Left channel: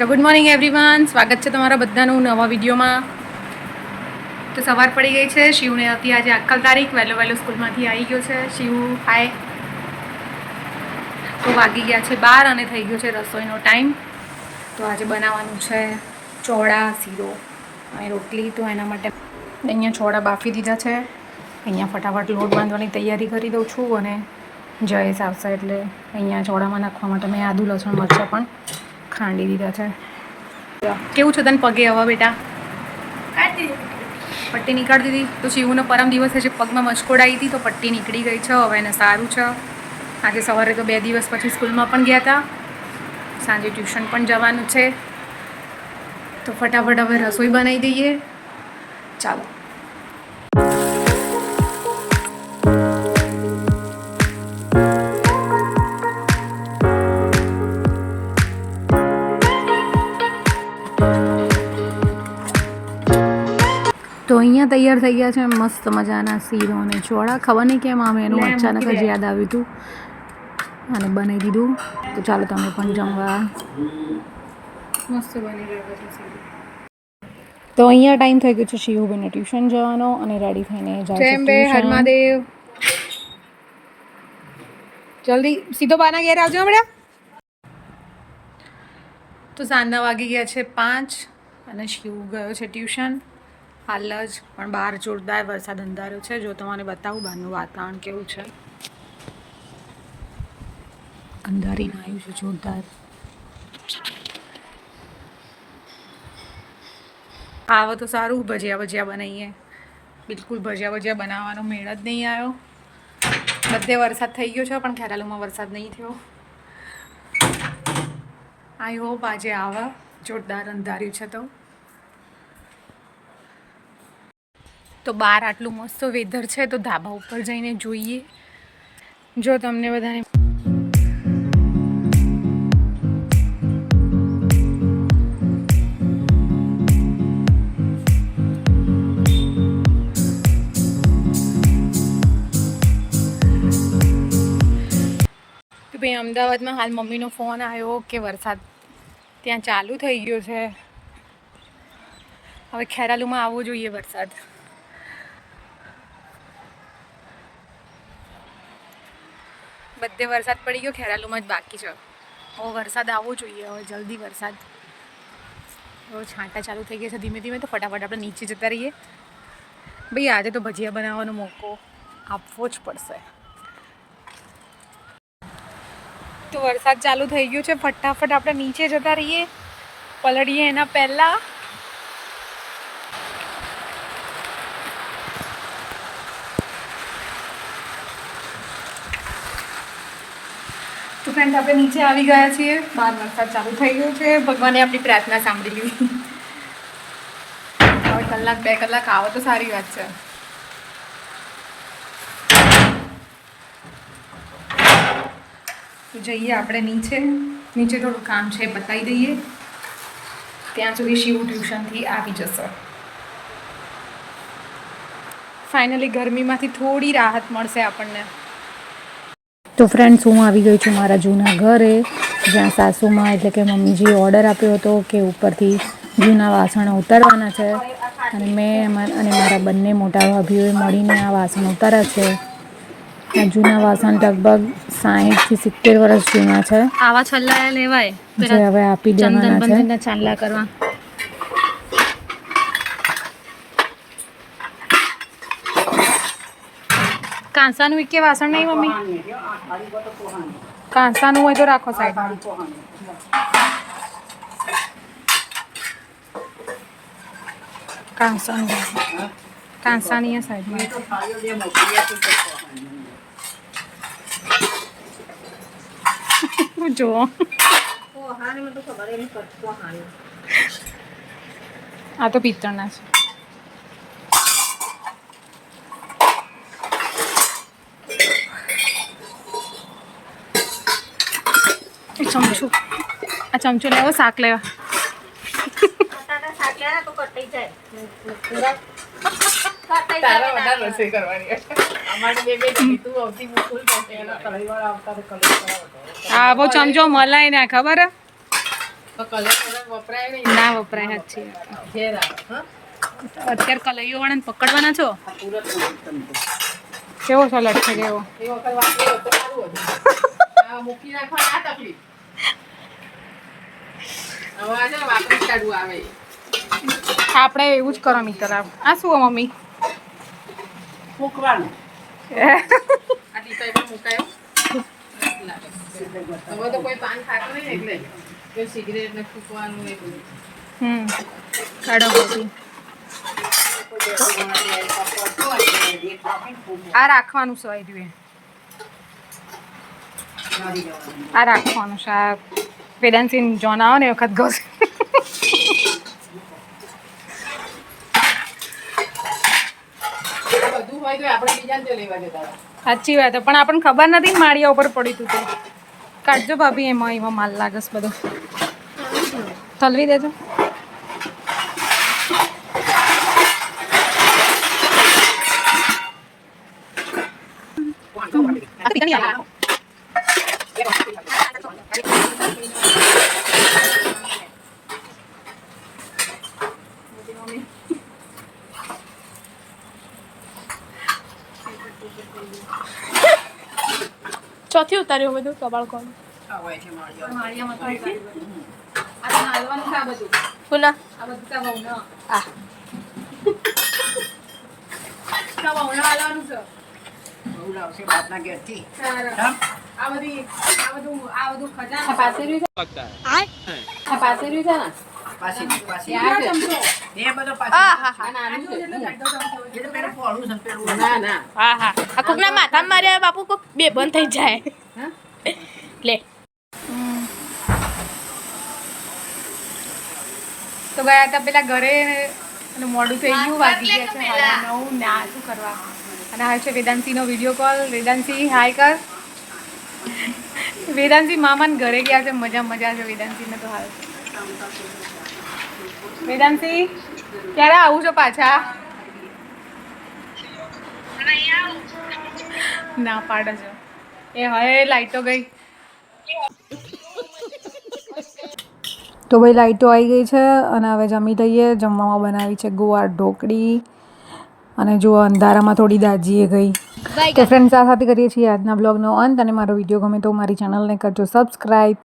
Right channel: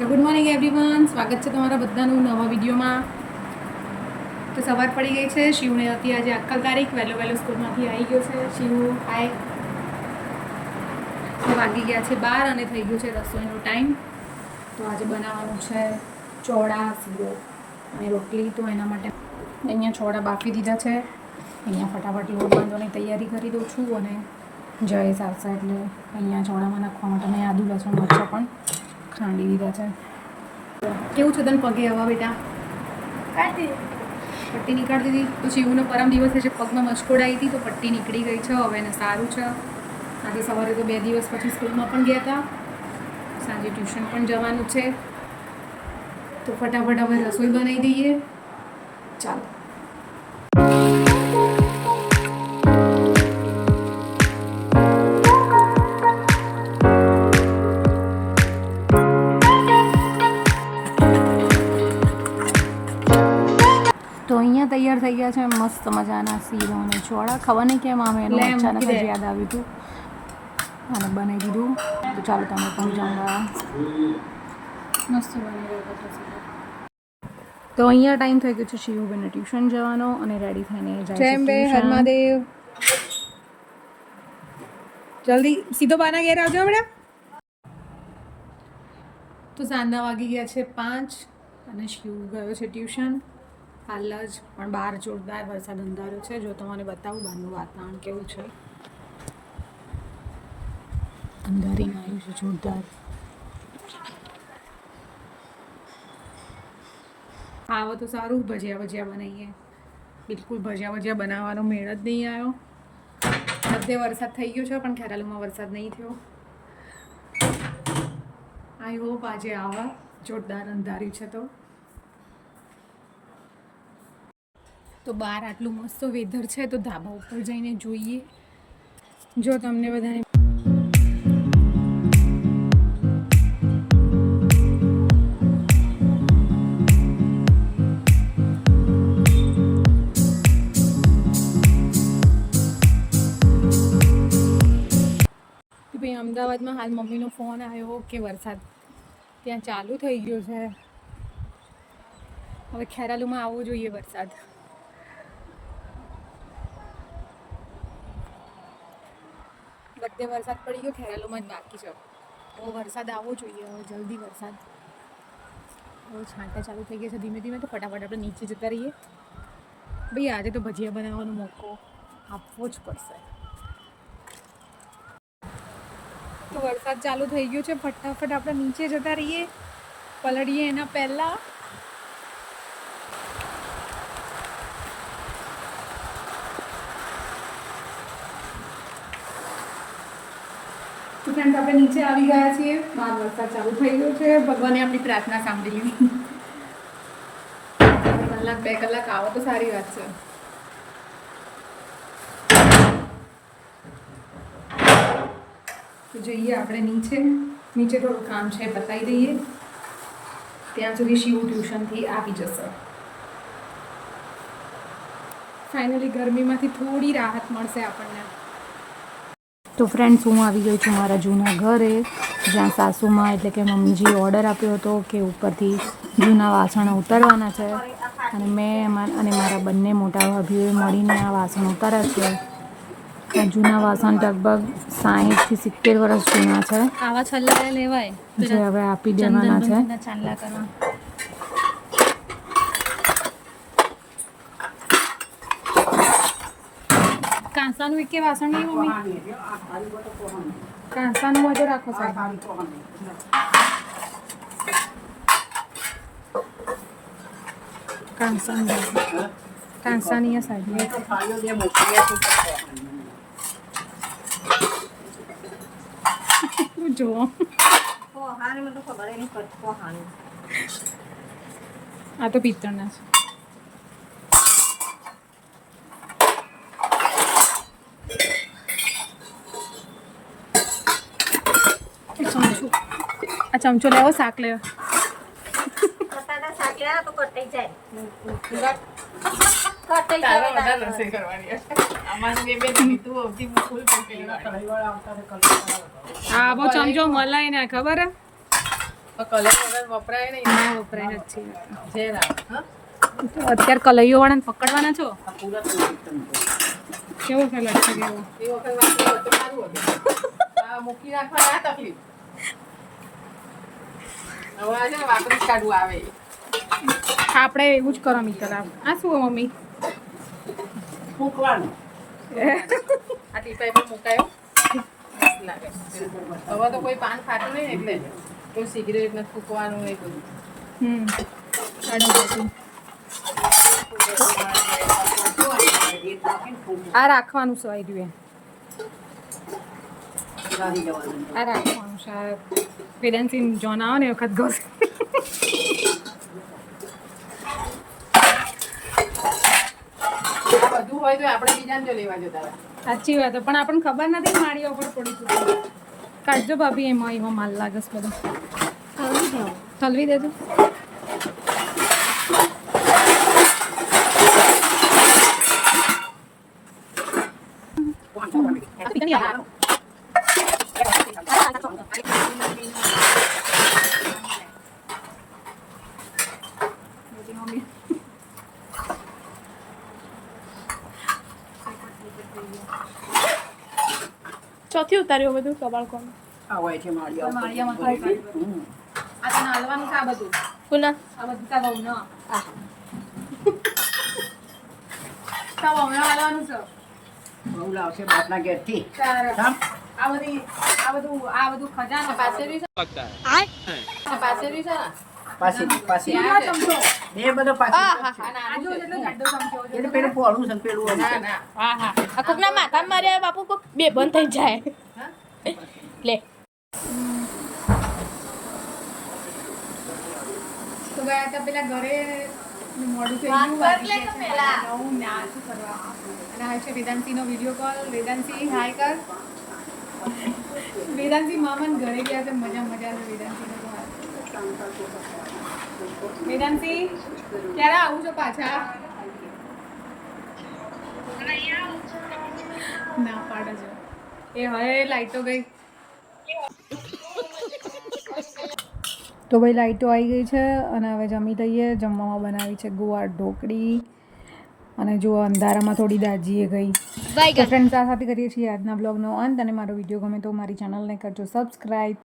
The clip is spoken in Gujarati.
સો ગુડ મોર્નિંગ એવરીવન સ્વાગત છે તમારા બધાનું નવા વિડીયોમાં. તો સવાર પડી ગઈ છે. શિવને હતી આજે આખલ તારીખ વહેલો વહેલો સ્કૂલમાંથી આવી ગયો છે. શિવ હાય તો વાગી ગયા છે બાર અને થઈ ગયો છે રસોઈનો ટાઈમ. તો આજે બનાવવાનું છે ચોળા, શીરો અને રોટલી. તો એના માટે અહીંયા ચોળા બાફી દીધા છે. અહીંયા ફટાફટ લોટ બાંધવાની તૈયારી કરી દઉં છું અને જયેશ આવશે એટલે અહીંયા ચોળામાં નાખવા માટે મેં આદુ, લસણ, મરચાં પણ ખાંડી દીધા છે. કેવું છે તને પગે હવા બેટા? પટ્ટી નીકાળી દીધી? તો શિવનો પરમ દિવસ છે. પગમાં મચકોડ આવી હતી તો પટ્ટી નીકળી ગઈ છે. હવે એને સારું છે. આજે સવારે તો બે દિવસ પછી સ્કૂલમાં પણ ગયા હતા સાંજે ટ્યુશન પણ જવાનું છે. તો ફટાફટ હવે રસોઈ બનાવી દઈએ. ચાલો. તૈયાર થઈ ગયા છે. મસ્ત મજાના શીરો અને ચોળા. ખબર નહીં કેમ આમ એનું અચાનક જ યાદ આવ્યું હતું અને બનાવી દીધું. તો ચાલો તમે પણ જમવા. મસ્ત બની રહ્યો છે તો અહીંયા ટાઈમ થઈ ગયો છે શિવુબેનને ટ્યુશન જવાનો અને રેડી થઈને જાય છે બે જલ્દી સીધો બાના ઘેર આવજો હમણાં. તો સાંજના વાગી ગયા છે પાંચ અને શિવ ગયો છે ટ્યુશન. હાલ જ પણ બહાર જોરદાર વરસાદ અંધાર્યો છે. જો તમારે બતાવું, બહારનું વાતાવરણ કેવું છે? અંધારીને આવ્યું છે જોરદાર. આવો તો સારું, ભજીયા ભજીયા બનાવીએ બિલકુલ ભજીયા ભજીયા બનાવવાનો મેળ જ નહીં આવ્યો બધે વરસાદ થઈ ગયો છે, પણ ખેરાલુમાં વરસાદ નહીં થયો. આઈ હોપ આજે આવા જોરદાર અંધાર્યું છે તો. તો બહાર આટલું મસ્ત વેધર છે, તો ધાબા ઉપર જઈને જોઈએ. જો તમને બધાને ભાઈ અમદાવાદમાં હાલ મમ્મીનો ફોન આવ્યો કે વરસાદ ત્યાં ચાલુ થઈ ગયો છે. હવે ખેરાલુમાં આવવો જોઈએ વરસાદ. બધે વરસાદ પડી ગયો, ખેરાલુમાં જ બાકી છે. હવે વરસાદ આવવો જોઈએ, હવે જલ્દી વરસાદ. હવે છાંટા ચાલુ થઈ ગયા છે, ધીમે ધીમે તો ફટાફટ આપણે નીચે જતા રહીએ. ભાઈ, આજે તો ભજીયા બનાવવાનો મોકો આપવો જ પડશે. તો વરસાદ ચાલુ થઈ ગયો છે, ફટાફટ આપણે નીચે જતા રહીએ. પલળીએ એના પહેલા. તો ફ્રેન્ડ આપણે નીચે આવી ગયા છીએ. બહાર વરસાદ ચાલુ થઈ ગયો છે. ભગવાને આપણી પ્રાર્થના સાંભળી લીધી. કલાક, બે કલાક આવે તો સારી વાત છે. તો જઈએ આપણે નીચે. નીચે થોડું કામ છે, બતાવી દઈએ. ત્યાં સુધી શિવ ટ્યુશનથી આવી જશે. ફાઇનલી ગરમીમાંથી થોડી રાહત મળશે આપણને. તો ફ્રેન્ડ્સ હું આવી ગઈ છું મારા જૂના ઘરે જ્યાં સાસુમાં એટલે કે મમ્મીજીએ ઓર્ડર આપ્યો હતો કે ઉપરથી જૂના વાસણો ઉતારવાના છે. અને મેં અને મારા બંને મોટા ભાભીઓએ મળીને આ વાસણ ઉતાર્યા છે. આ જૂના વાસણ લગભગ સાહીઠથી સિત્તેર વર્ષ જૂના છે. આવા છલ્લા લેવાય. જે હવે આપી દેવાના છે બંધીને ચાંદલા કરવા કાંસાનું કે વાસણ નહીં મમ્મી? કાંસાનું હોય તો રાખો સાહેબ. કાંસાનું. કાંસાની સાઈડમાં જો આ તો પિત્તળના છે એ ચમચો આ ચમચો લેવો. શાક લેવા હા બહુ ચમચો મલાય ને ખબર? ના વપરાય સાચી અત્યારે કલૈયો વાળાને પકડવાના છો? કેવો સલાડ છે કેવો? એ વખત વાપરી હોત તો સારું હતું. આ મૂકી રાખવા ના તકલીફ હવે આ છે ને વાપરી જ કાઢવું આવે આપણે એવું જ કરો મિત્ર. આ આ શું મમ્મી? મૂકવાનું. આ ટીપાઈ મુકાયો. હવે તો કોઈ પાન ખાતું નહીં એટલે. કોઈ સિગરેટ ને ફૂંકવાનું એટલે. હમ. કાઢો બધું આ રાખવાનું છે આ રહ્યું આ રાખવાનું છે વેદાંતિન જોન આવે ને એ વખત ઘસ. સાચી વાત પણ આપણને ખબર નથી માળિયા ઉપર પડી તું કાઢજો ભાભી એમાં એમાં માલ લાગસ બધો. થલવી દેજો. ચોથી ઉતાર્યું બધું કબાળ કોણ? પુના આ. આ બધી. આ બધું આ. બધું ખજાનો પાસે બી છે. આ પાસે બી એ બધો પોળું છે પેલું ના ના. આ કોકના બાપુ કોક બે થઈ જાય. લે. તો ગયા હતા પેલા ઘરે અને મોડું થઈ ગયું વાગી ગયા ને શું કરવા. અને હાલ છે વેદાંતીનો વીડિયો કોલ વેદાંતિ હાય કર. વેદાંતિ મામાને ઘરે ગયા છે મજા મજા છે વેદાંતીને તો હાલ. વેદાંતી ક્યારે આવું છો પાછા? ના પાડે છો. એ હવે લાઈટો ગઈ. તો ભાઈ લાઈટો આવી ગઈ છે અને હવે જમી લઈએ જમવામાં બનાવી છે ગોવા ઢોકળી અને જો અંધારામાં થોડી દાજીએ ગઈ. તો ફ્રેન્ડ્સ આ સાથે કરીએ છીએ આજના બ્લોગનો અંત અને મારો વીડિયો ગમે તો મારી ચેનલને કરજો સબસ્ક્રાઈબ